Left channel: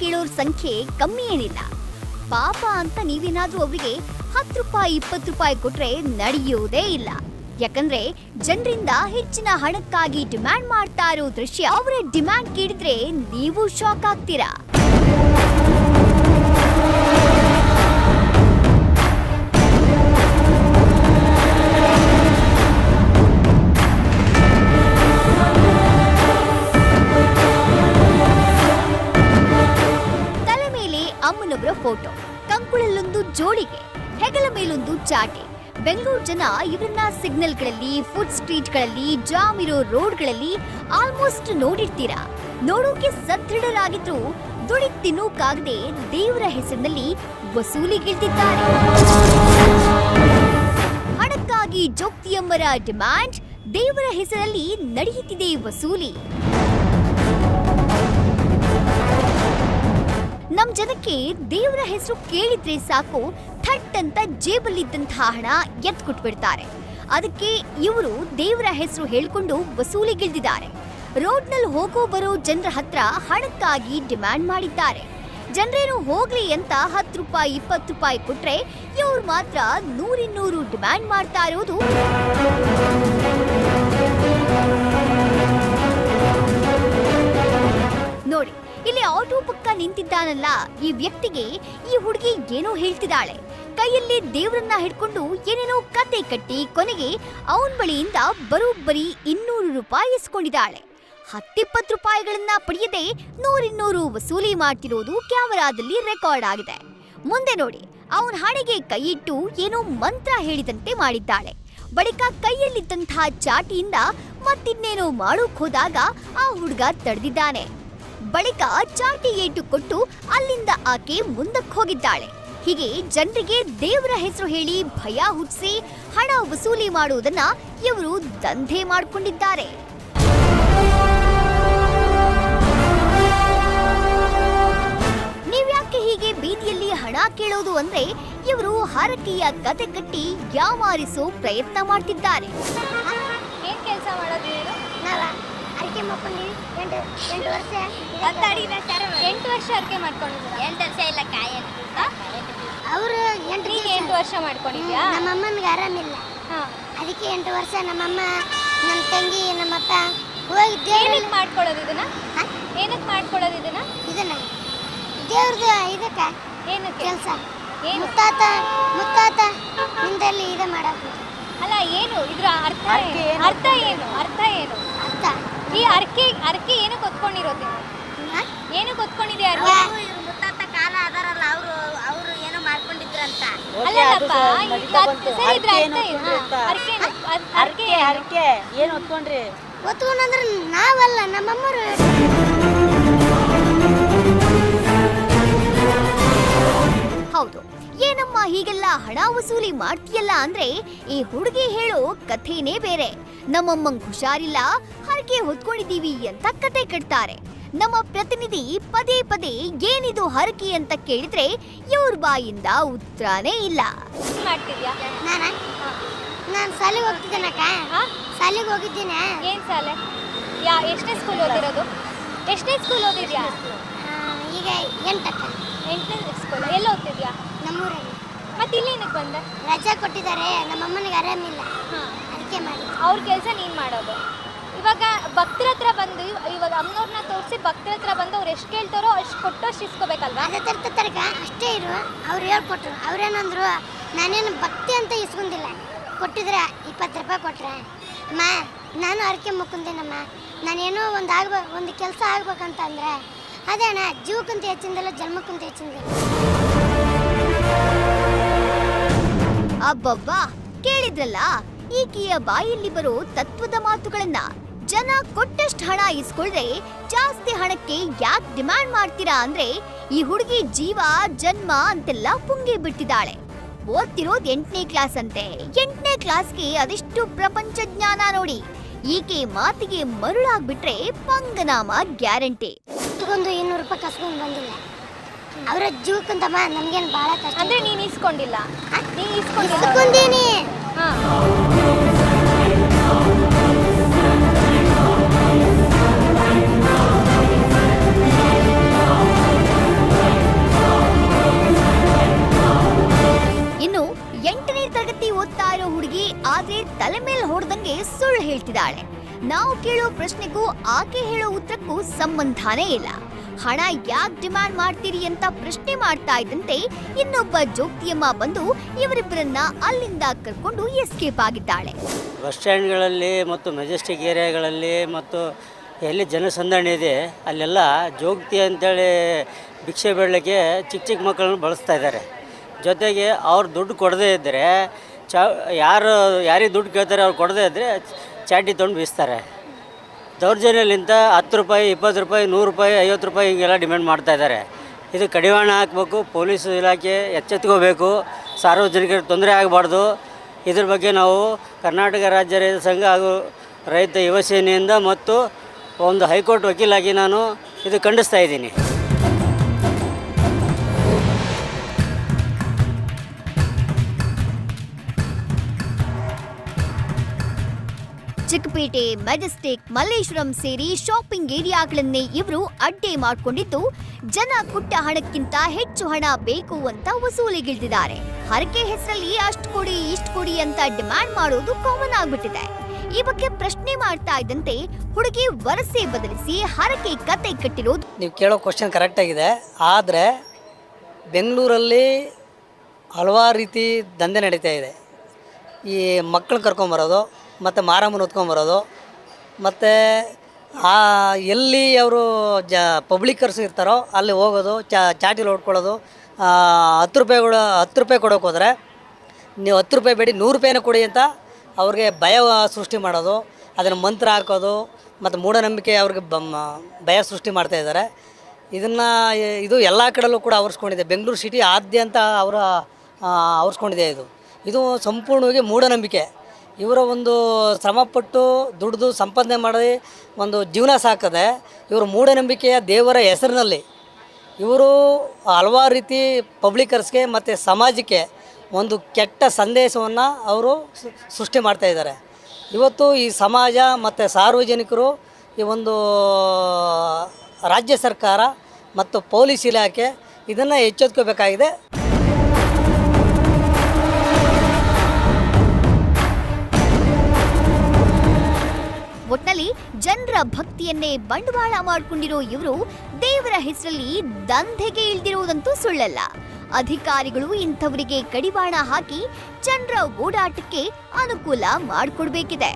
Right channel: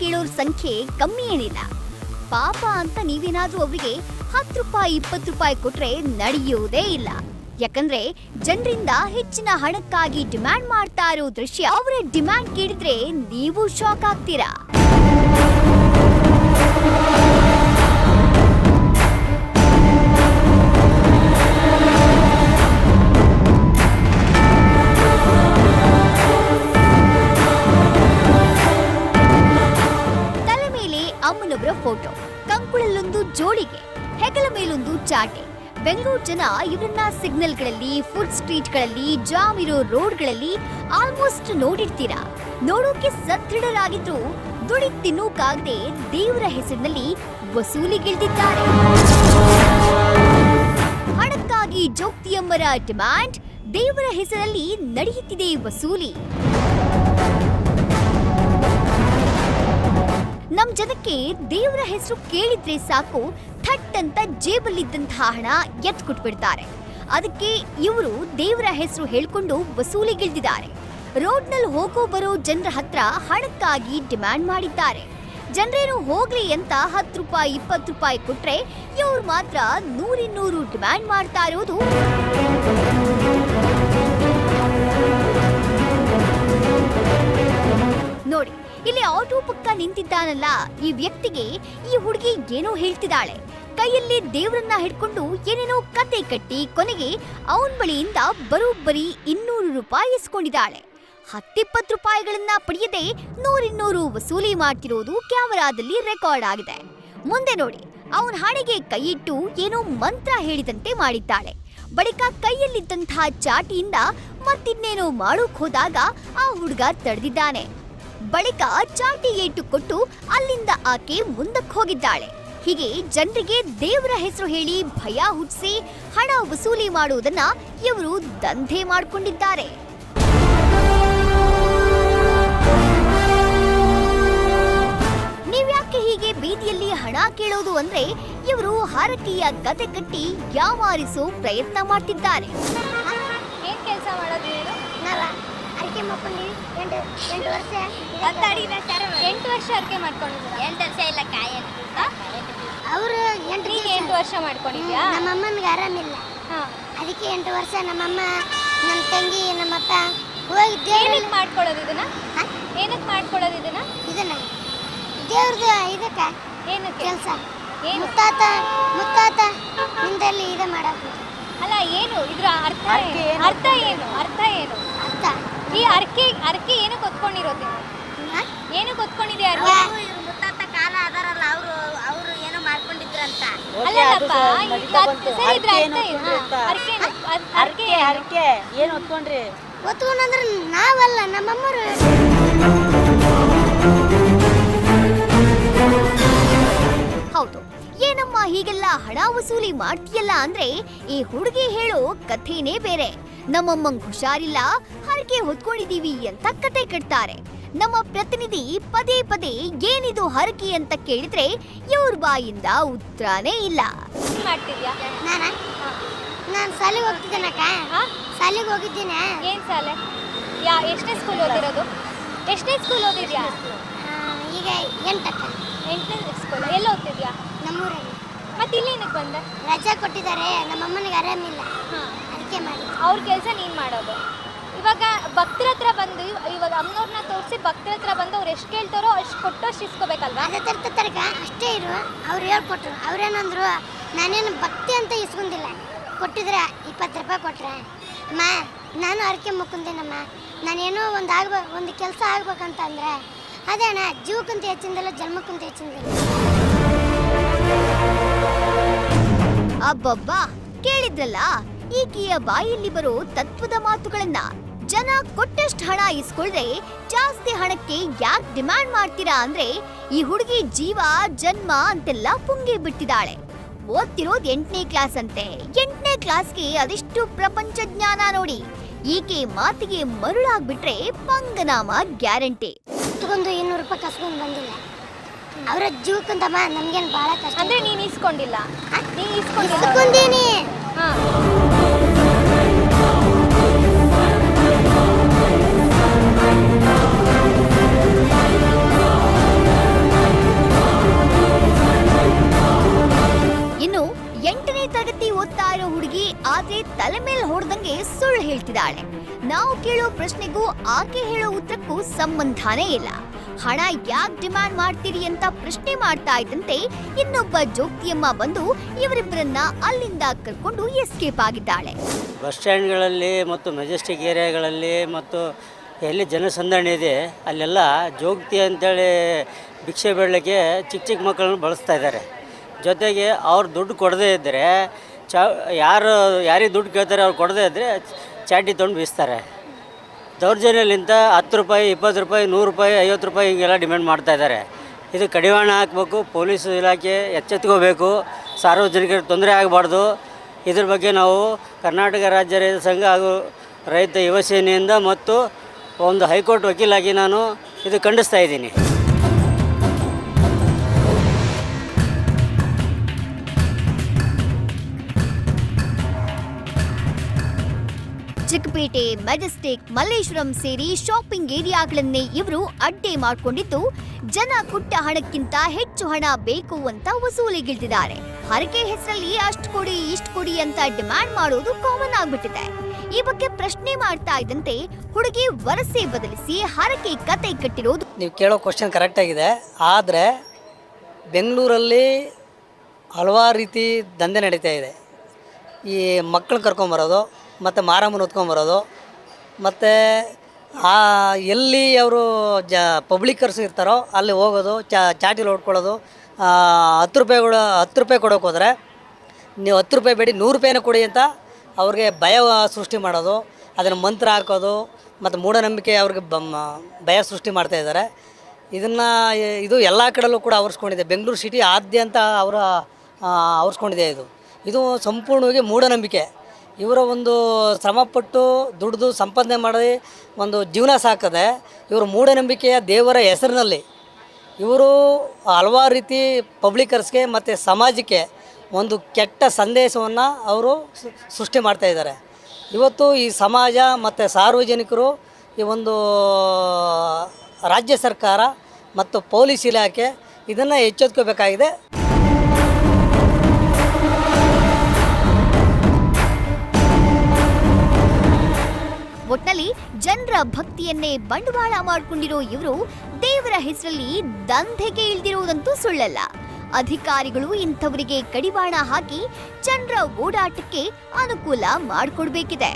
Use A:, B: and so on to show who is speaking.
A: ಕೇಳೋರ್ ಸಂಖ್ಯೆ ಕಮ್ಮಿ ಏನಿಲ್ಲ ಪಾಪ ಅಂತ ನೀವೇನಾದ್ರೂ ಅವರಿಗೆ ಹತ್ತು ರೂಪಾಯಿ, ಇಪ್ಪತ್ತು ರೂಪಾಯಿ ಕೊಟ್ರೆ ನಡೆಯೋದೇ ಇಲ್ಲ. ಯಾಕಂದ್ರೆ ಜನರಿಂದ ಹೆಚ್ಚಿನ ಹಣಕ್ಕಾಗಿ ಡಿಮ್ಯಾಂಡ್ ಮಾಡ್ತಾ ಇರೋ ದೃಶ್ಯ ಅವರ ಡಿಮ್ಯಾಂಡ್ ಕೇಳಿದ್ರೆ ನೀವು ಶಾಕ್ ಆಗ್ತೀರಾ? ಕಂಕುಳಲ್ಲೊಂದು ಜೋಡಿಗೆ, ಹೆಗಲ ಮೇಲೊಂದು ಚಾಟೆ. ಬೆಂಗಳೂರು ಜನ ಇವರನ್ನ ಸಿಗ್ನಲ್ಗಳಲ್ಲಿ ಫುಡ್ ಸ್ಟ್ರೀಟ್ಗಳಲ್ಲಿ ಜಾಮ್ ಇರೋ ರೋಡ್ಗಳಲ್ಲಿ ಆಲ್ಮೋಸ್ಟ್ ನೋಡಿರ್ತೀರಾ? ನೋಡೋಕೆ ಸದೃಢರಾಗಿದ್ರು ದುಡಿ ತಿನ್ನೋಕಾಗದೆ ದೇವರ ಹೆಸರಿನಲ್ಲಿ ವಸೂಲಿಗಿಳಿದಿದ್ದಾರೆ ಹಣಕ್ಕಾಗಿ ಜೋಕ್ತಿಯಮ್ಮರ ಡಿಮ್ಯಾಂಡ್ ದೇವರ ಹೆಸರಲ್ಲಿ ನಡೆಯುತ್ತಿದೆ ವಸೂಲಿ. ನಮ್ ಜನಕ್ಕೆ ದೇವರ ಹೆಸರು ಕೇಳಿದ್ರೆ ಸಾಕು ಥಟ್ ಅಂತ ಜೇಬಲ್ಲಿದ್ದಂತಹ ಹಣ ಎತ್ ಕೊಟ್ಬಿಡ್ತಾರೆ ಅದಕ್ಕೆ ಇವರು ದೇವರ ಹೆಸರು ಹೇಳ್ಕೊಂಡು ವಸೂಲಿಗಿಳಿದಿದ್ದಾರೆ. ರೋಡ್ನಲ್ಲಿ ಹೋಗೋ ಬರೋ ಜನರ ಹತ್ರ ಹಣಕ್ಕಾಗಿ ಡಿಮ್ಯಾಂಡ್ ಮಾಡಿದ್ದಾರೆ. ಜನರೇನು ಹೋಗ್ಲಿ ಅಂತ ಹತ್ತು ರೂಪಾಯಿ, ಇಪ್ಪತ್ತು ರೂಪಾಯಿ ಕೊಟ್ರೆ ಇವ್ರು ಮಾತ್ರ ನೂರಿನ್ನೂರು ಡಿಮ್ಯಾಂಡ್ ಮಾಡ್ತಾ ಇರೋದು. ಇಲ್ಲಿ ಆಟೋ ಪಕ್ಕ ನಿಂತಿದ್ದಾನಲ್ಲ. ಈ ವ್ಯಕ್ತಿಗೆ ಈ ಹುಡುಗಿ ಏನೋ ಹೇಳ್ತಿದ್ದಾಳೆ. ಕೈಯಲ್ಲಿ ದೇವರನ್ನ ಹಿಡ್ಕೊಂಡು ಏನೇನೋ ಕತೆ ಕಟ್ಟಿ ಕೊನೆಗೆ ಅವನ ಬಳಿಯಿಂದ ಬರೋಬ್ಬರಿ ಇನ್ನೂರು ರೂಪಾಯಿ ಇಸ್ಕೊಂಡಿದ್ದಾಳೆ ಹತ್ತಿಪ್ಪತ್ತು ರೂಪಾಯಿಗಳನ್ನ ಪಡೆಯದೆ ನೂರಿನ್ನೂರು ವಸೂಲಿ ಮಾಡ್ತಿರೋದು ಕ್ಯಾಮೆರಾದಲ್ಲಿ ರೆಕಾರ್ಡ್ ಆಗಿದೆ. ಮುಂದೆ ನೋಡಿ, ಅವನ ಹಣೆಗೆ ಕೈಯಿಟ್ಟು ಏನೋ ಮಂತ್ರ ಹೇಳಿದಂತೆ ಮಾಡಿದ್ದಾಳೆ. ಬಳಿಕ ಕೈಯಲ್ಲಿದ್ದಂತಹ ಚಾಟಿಯಿಂದ ಮತ್ತಿನ್ನೇನೋ ಮಾಡೋಕ್ ಹೋದಾಗ ಆ ಹುಡುಗ ತಡೆದಿದ್ದಾನೆ. ಬಳಿಕ ಚಾಟಿ ಏಟು ಕೊಟ್ಟು ಅಲ್ಲಿಂದ ಆಕೆ ಮುಂದಕ್ಕೆ ಹೋಗಿದ್ದಾಳೆ. ಹೀಗೆ ಜನರಿಗೆ ದೇವರ ಹೆಸರು ಹೇಳಿ ಭಯ ಹುಟ್ಟಿಸಿ ಹಣ ವಸೂಲಿ ಮಾಡುವುದನ್ನ ಇವರು ದಂಧೆ ಮಾಡಿಕೊಂಡಿದ್ದಾರೆ. ನೀವ್ಯಾಕೆ ಹೀಗೆ ಬೀದಿಯಲ್ಲಿ ಹಣ ಕೇಳೋದು ಅಂದ್ರೆ ಇವರು ಹಾರಕೆಯ ಕತೆ ಕಟ್ಟಿ ಯಾವಾರಿಸೋ ಪ್ರಯತ್ನ ಮಾಡ್ತಿದ್ದಾರೆ.
B: ಕೆಲಸ ಮಾಡೋದು
C: ಅಡಿಕೆ ಮಾಡ್ಕೊಂಡು ಎಂಟು ವರ್ಷ
B: ಎಂಟು ವರ್ಷ ಅರ್ಕೆ ಮಾಡ್ಕೊಂಡಿದ್ದೀರಾ?
C: ಎಂಟು ವರ್ಷ ಇಲ್ಲ ಕಾಯಿ ಅವರು ಎಂಟು
B: ಎಂಟು ವರ್ಷ ಮಾಡ್ಕೊಂಡಿದ್ಯಾ
C: ನಮ್ಮ ಅಮ್ಮನಿಗೆ ಆರಾಮಿಲ್ಲ.
B: ಹಾ.
C: ಅದಕ್ಕೆ ಎಂಟು ವರ್ಷ ನಮ್ಮಮ್ಮ ನಮ್ಮ ತಂಗಿ ನಮ್ಮಪ್ಪ ಹೋಗಿ ದೇವ್ರ
B: ಏನಕ್ಕೆ ಮಾಡ್ಕೊಳ್ಳೋದು ಇದನ್ನ? ಏನಕ್ಕೆ ಮಾಡ್ಕೊಳ್ಳೋದು ಇದನ್ನ?
C: ಇದನ್ನ ದೇವ್ರದ್ದು ಇದಕ್ಕೆ
B: ಏನು
C: ಕೆಲಸ.
B: ಏನು?
C: ಮುತ್ತಾತ ಮುತ್ತಾತ ನಿಂದಲ್ಲಿ ಇದು ಮಾಡಬೇಕು
B: ಅಲ್ಲ ಏನು? ಇದರ ಅರ್ಥ? ಅರ್ಥ ಏನು? ಅರ್ಥ ಏನು?
C: ಅರ್ಥ.
B: ಈ ಅರ್ಕೆ ಅರ್ಕೆ ಏನು
C: ಕೊತ್ಕೊಂಡಿರೋದು
B: ಏನು ಕೊತ್ಕೊಂಡಿದೆ ಅರ್ಕೆ
C: ಮುತ್ತಾತ ಕಾಲ ಅದಾರಲ್ಲ ಅವರು ಅವರು ಏನೋ ಮಾಡ್ಕೊಂಡಿದ್ರಂತ
B: ಅಲ್ಲಲ್ಲಪ್ಪ ಅದ್- ಸರಿ ಇದ್ರ
D: ಅರ್ಕೆ
B: ಅರ್ಥ
D: ಏನು ಅಂತ.
B: ಅರ್ಕೆ ಏನು? ಅರ್ಕೆ
D: ಹರಕೆ
B: ಏನು?
D: ಹರಕೆ ಏನ್ ಹೊತ್ಕೊಂಡ್ರಿ
C: ಒತ್ಕೊಂಡ್ರೆ ನಾವಲ್ಲ ನಮ್ಮಮ್ಮರು
A: ಮಾಡ್ತೀಯಲ್ಲ ಅಂದ್ರೆ ಈ ಹುಡುಗಿ ಹೇಳೋ ಕಥೆನೇ ಬೇರೆ. ನಮ್ಮಮ್ಮಂಗ್ ಹುಷಾರಿಲ್ಲ ಹರಕೆ ಹೊತ್ಕೊಂಡಿದೀವಿ ಅಂತ ಕತೆ ಕಟ್ತಾರೆ. ನಮ್ಮ ಪ್ರತಿನಿಧಿ ಪದೇ ಪದೇ ಏನಿದು ಹರಕೆ ಅಂತ ಕೇಳಿದ್ರೆ ಇವ್ರ ಬಾಯಿಂದ ಉತ್ತರನೇ ಇಲ್ಲ.
C: ನಾನ? ನಾನು ಶಾಲೆಗೆ ಹೋಗ್ತಿದ್ದೇನಕ್ಕ
B: ಹಾ?
C: ಶಾಲೆಗೆ ಹೋಗಿದ್ದೀನಿ.
B: ಏನ್ ಸಾಲೆ ಯಾ ಎಷ್ಟೇ ಸ್ಕೂಲ್ ಓದಿರೋದು? ಎಷ್ಟೇ ಸ್ಕೂಲ್ ಓದಿದ್ಯಾ?
C: ಈಗ ಎಂಟಕ್ಕ.
B: ಎಂಟನೇ ಸ್ಕೂಲ್ ಎಲ್ಲಿ ಓದ್ತಿದ್ಯಾ?
C: ನಮ್ಮೂರಲ್ಲಿ.
B: ಮತ್ತೆ ಇಲ್ಲಿ ಏನಕ್ಕೆ ಬಂದೆ?
C: ರಜೆ ಕೊಟ್ಟಿದ್ದಾರೆ ನಮ್ಮಮ್ಮನಿಗೆ ಆರಾಮಿಲ್ಲ
B: ಹಾಂ.
C: ಅದಕ್ಕೆ ಮಾಡಿ.
B: ಅವ್ರ ಕೆಲಸ ನೀನು ಮಾಡೋದು. ಇವಾಗ ಭಕ್ತರ ಹತ್ರ ಬಂದು ಇವಾಗ ಅಮ್ಮನವ್ರನ್ನ ತೋರಿಸಿ ಭಕ್ತರ ಹತ್ರ ಬಂದು ಅವ್ರು ಎಷ್ಟು ಕೇಳ್ತಾರೋ ಅಷ್ಟು ಕೊಟ್ಟು ಅಷ್ಟು ಇಸ್ಕೋಬೇಕಲ್ವಾ?
C: ಅದೇ ತರಕ ಅಷ್ಟೇ ಇರು. ಅವ್ರು ಹೇಳ್ಕೊಟ್ರು. ಅವ್ರೇನಂದ್ರು ನಾನೇನು ಭಕ್ತಿ ಅಂತ ಇಸ್ಕೊಂಡಿಲ್ಲ. ಕೊಟ್ಟಿದ್ರೆ ಇಪ್ಪತ್ತು ರೂಪಾಯಿ ಕೊಟ್ರೆ. ಅಮ್ಮ ನಾನು ಅರಕೆ ಮುಕ್ಕೊಂದೇನಮ್ಮ. ನಾನೇನೋ ಒಂದು ಆಗ್ಬೇಕು ಒಂದು ಕೆಲಸ ಆಗ್ಬೇಕಂತಂದ್ರೆ ಅದೇ ಅಣ್ಣ ಜೀವಕ್ಕಂತ ಹೆಚ್ಚಿಂದಲ್ಲ ಜನ್ಮಕ್ಕಂತ ಹೆಚ್ಚಿಂದಿಲ್ಲ
A: ಅಬ್ಬಬ್ಬಾ, ಕೇಳಿದ್ರಲ್ಲ? ಈಕೆಯ ಬಾಯಲ್ಲಿ ಬರೋ ತತ್ವದ ಮಾತುಗಳನ್ನ ಜನ ಕೊಟ್ಟಷ್ಟು ಹಣ ಇಸ್ಕೊಳ್ರೆ ಜಾಸ್ತಿ ಹಣಕ್ಕೆ ಯಾಕೆ ಡಿಮಾಂಡ್ ಮಾಡ್ತೀರಾ ಅಂದ್ರೆ ಈ ಹುಡುಗಿ ಜೀವ, ಜನ್ಮ ಅಂತೆಲ್ಲ ಪುಂಗಿ ಬಿಟ್ಟಿದ್ದಾಳೆ. ಓದ್ತಿರೋದು ಎಂಟನೇ ಕ್ಲಾಸ್ ಅಂತೆ. ಎಂಟನೇ ಕ್ಲಾಸ್ಗೆ ಅದೆಷ್ಟು ಪ್ರಪಂಚ ಜ್ಞಾನ ನೋಡಿ ಈಕೆ ಮಾತಿಗೆ ಮರುಳಾಗ್ಬಿಟ್ರೆ ಪಂಗನಾಮ ಗ್ಯಾರಂಟಿ.
C: ಒಂದು ಇನ್ನೂರು ರೂಪಾಯಿ ಅವರ ಜೋಕಂತಮ್ಮ ನನಗೆ ಬಹಳ ಕಷ್ಟ.
B: ಅಂದ್ರೆ ನೀನು ಇಸ್ಕೊಂಡಿಲ್ಲ. ನೀ ಇಸ್ಕೊಂಡಿಲ್ಲ
C: ಇಸ್ಕೊಂಡೀನಿ.
B: ಹಾ.
A: ಇನ್ನು ಎಂಟನೇ ತರಗತಿ ಓದ್ತಾ ಇರೋ ಹುಡುಗಿ ಆದ್ರೆ ತಲೆ ಮೇಲೆ ಹೊಡೆದಂಗೆ ಸುಳ್ಳು ಹೇಳ್ತಿದ್ದಾಳೆ. ನಾವು ಕೇಳೋ ಪ್ರಶ್ನೆಗೂ ಆಕೆ ಹೇಳೋ ಉತ್ತರಕ್ಕೂ ಸಂಬಂಧನೇ ಇಲ್ಲ. ಹಣ ಯಾಕೆ ಡಿಮ್ಯಾಂಡ್ ಮಾಡ್ತೀರಿ ಅಂತ ಪ್ರಶ್ನೆ ಮಾಡ್ತಾ ಇದ್ದಂತೆ ಇನ್ನೊಬ್ಬ ಜೋಗ್ತಿಯಮ್ಮ ಬಂದು ಇವರಿಬ್ಬರನ್ನ ಅಲ್ಲಿಂದ ಕರ್ಕೊಂಡು ಎಸ್ಕೇಪ್ ಆಗಿದ್ದಾಳೆ.
D: ಬಸ್ ಸ್ಟ್ಯಾಂಡ್ಗಳಲ್ಲಿ ಮತ್ತು ಮೆಜೆಸ್ಟಿಕ್ ಏರಿಯಾಗಳಲ್ಲಿ ಮತ್ತು ಎಲ್ಲಿ ಜನಸಂದಣಿ ಇದೆ, ಅಲ್ಲೆಲ್ಲ ಜೋಗ್ತಿ ಅಂತೇಳಿ ಭಿಕ್ಷೆ ಬೆಳಗ್ಗೆ ಚಿಕ್ಕ ಚಿಕ್ಕ ಮಕ್ಕಳನ್ನು ಬಳಸ್ತಾ ಇದ್ದಾರೆ. ಜೊತೆಗೆ ಅವ್ರು ದುಡ್ಡು ಕೊಡದೇ ಇದ್ದರೆ, ಚ ಯಾರು, ಯಾರಿಗೆ ದುಡ್ಡು ಕೇಳ್ತಾರೆ ಅವ್ರು ಕೊಡದೇ ಇದ್ದರೆ ಚಾಟಿ ತೊಗೊಂಡು ಬೀಸ್ತಾರೆ. ದೌರ್ಜನ್ಯಲಿಂತ ಹತ್ತು ರೂಪಾಯಿ, ಇಪ್ಪತ್ತು ರೂಪಾಯಿ, ನೂರು ರೂಪಾಯಿ, ಐವತ್ತು ರೂಪಾಯಿ ಹೀಗೆಲ್ಲ ಡಿಮ್ಯಾಂಡ್ ಮಾಡ್ತಾ ಇದ್ದಾರೆ. ಇದು ಕಡಿವಾಣ ಹಾಕಬೇಕು, ಪೊಲೀಸ್ ಇಲಾಖೆ ಎಚ್ಚೆತ್ಕೋಬೇಕು ಸಾರ್ವಜನಿಕರಿಗೆ ತೊಂದರೆ ಆಗಬಾರ್ದು. ಇದ್ರ ಬಗ್ಗೆ ನಾವು ಕರ್ನಾಟಕ ರಾಜ್ಯ ರೈತ ಸಂಘ ಹಾಗೂ ರೈತ ಯುವಸೇನೆಯಿಂದ ಮತ್ತು ಒಂದು ಹೈಕೋರ್ಟ್ ವಕೀಲಾಗಿ ನಾನು ಇದು ಖಂಡಿಸ್ತಾ ಇದ್ದೀನಿ.
A: ಚಿಕ್ಕಪೇಟೆ, ಮೆಜೆಸ್ಟಿಕ್, ಮಲ್ಲೇಶ್ವರಂ ಸೇರಿ ಶಾಪಿಂಗ್ ಏರಿಯಾಗಳನ್ನೇ ಇವರು ಅಡ್ಡೆ ಮಾಡಿಕೊಂಡಿದ್ದು, ಜನ ಕೊಟ್ಟ ಹಣಕ್ಕಿಂತ ಹೆಚ್ಚು ಹಣ ಬೇಕು ಅಂತ ವಸೂಲಿಗಿಳಿದಿದ್ದಾರೆ ಹರಕೆ ಹೆಸರಲ್ಲಿ ಅಷ್ಟು ಕೊಡಿ, ಇಷ್ಟು ಕೊಡಿ ಅಂತ ಡಿಮ್ಯಾಂಡ್ ಮಾಡೋದು ಕಾಮನ್ ಆಗ್ಬಿಟ್ಟಿದೆ. ಈ ಬಗ್ಗೆ ಪ್ರಶ್ನೆ ಮಾಡ್ತಾ ಇದ್ದಂತೆ ಹುಡುಗಿ ವರಸೆ ಬದಲಿಸಿ ಹರಕೆ ಕತೆ ಕಟ್ಟಿರೋದು.
E: ನೀವು ಕೇಳೋ ಕ್ವಶನ್ ಕರೆಕ್ಟಾಗಿದೆ ಆದರೆ ಬೆಂಗಳೂರಲ್ಲಿ ಹಲವಾರು ರೀತಿ ದಂಧೆ ನಡೀತಾ ಇದೆ. ಈ ಮಕ್ಕಳು ಕರ್ಕೊಂಬರೋದು ಮತ್ತು ಮಾರಮ್ಮನ ಹೊತ್ಕೊಂಬರೋದು ಮತ್ತು ಆ ಎಲ್ಲಿ ಅವರು ಜ ಪಬ್ಲಿಕರ್ಸ್ ಇರ್ತಾರೋ ಅಲ್ಲಿ ಹೋಗೋದು ಚಾಟಿಲಿ ಹೊಡ್ಕೊಳ್ಳೋದು ಹತ್ತು ರೂಪಾಯಿಗಳು, ಹತ್ತು ರೂಪಾಯಿ ಕೊಡೋಕೆ ಹೋದರೆ ನೀವು ಹತ್ತು ರೂಪಾಯಿ ಬೇಡಿ, ನೂರು ರೂಪಾಯಿನ ಕೊಡಿ ಅಂತ ಅವ್ರಿಗೆ ಭಯ ಸೃಷ್ಟಿ ಮಾಡೋದು. ಅದನ್ನು ಮಂತ್ರ ಹಾಕೋದು, ಮತ್ತು ಮೂಢನಂಬಿಕೆ ಅವ್ರಿಗೆ ಬ ಭಯ ಸೃಷ್ಟಿ ಮಾಡ್ತಾ ಇದ್ದಾರೆ. ಇದನ್ನು ಇದು ಎಲ್ಲ ಕಡೆಯಲ್ಲೂ ಕೂಡ ಆವರಿಸ್ಕೊಂಡಿದೆ. ಬೆಂಗಳೂರು ಸಿಟಿ ಆದ್ಯಂತ ಅವರ ಆವರಿಸ್ಕೊಂಡಿದೆ ಇದು. ಇದು ಸಂಪೂರ್ಣವಾಗಿ ಮೂಢನಂಬಿಕೆ. ಇವರ ಒಂದು ಶ್ರಮಪಟ್ಟು ದುಡಿದು ಸಂಪಾದನೆ ಮಾಡಿ ಒಂದು ಜೀವನ ಸಾಕದೆ ಇವರು ಮೂಢನಂಬಿಕೆಯ ದೇವರ ಹೆಸರಿನಲ್ಲಿ ಇವರು ಹಲವಾರು ರೀತಿ ಪಬ್ಲಿಕರ್ಸ್ಗೆ ಮತ್ತು ಸಮಾಜಕ್ಕೆ ಒಂದು ಕೆಟ್ಟ ಸಂದೇಶವನ್ನು ಅವರು ಸೃಷ್ಟಿ ಮಾಡ್ತಾ ಇದ್ದಾರೆ. ಇವತ್ತು ಈ ಸಮಾಜ ಮತ್ತು ಸಾರ್ವಜನಿಕರು ಈ ಒಂದು ರಾಜ್ಯ ಸರ್ಕಾರ ಮತ್ತು ಪೊಲೀಸ್ ಇಲಾಖೆ ಇದನ್ನು ಎಚ್ಚೆತ್ಕೋಬೇಕಾಗಿದೆ
A: ಒಟ್ಟಲ್ಲಿ ಜನರ ಭಕ್ತಿಯನ್ನೇ ಬಂಡವಾಳ ಮಾಡಿಕೊಂಡಿರೋ ಇವರು ದೇವರ ಹೆಸರಲ್ಲಿ ದಂಧೆಗೆ ಇಳಿದಿರುವುದಂತೂ ಸುಳ್ಳಲ್ಲ. ಅಧಿಕಾರಿಗಳು ಇಂಥವರಿಗೆ ಕಡಿವಾಣ ಹಾಕಿ ಜನರ ಓಡಾಟಕ್ಕೆ ಅನುಕೂಲ ಮಾಡಿಕೊಡ್ಬೇಕಿದೆ.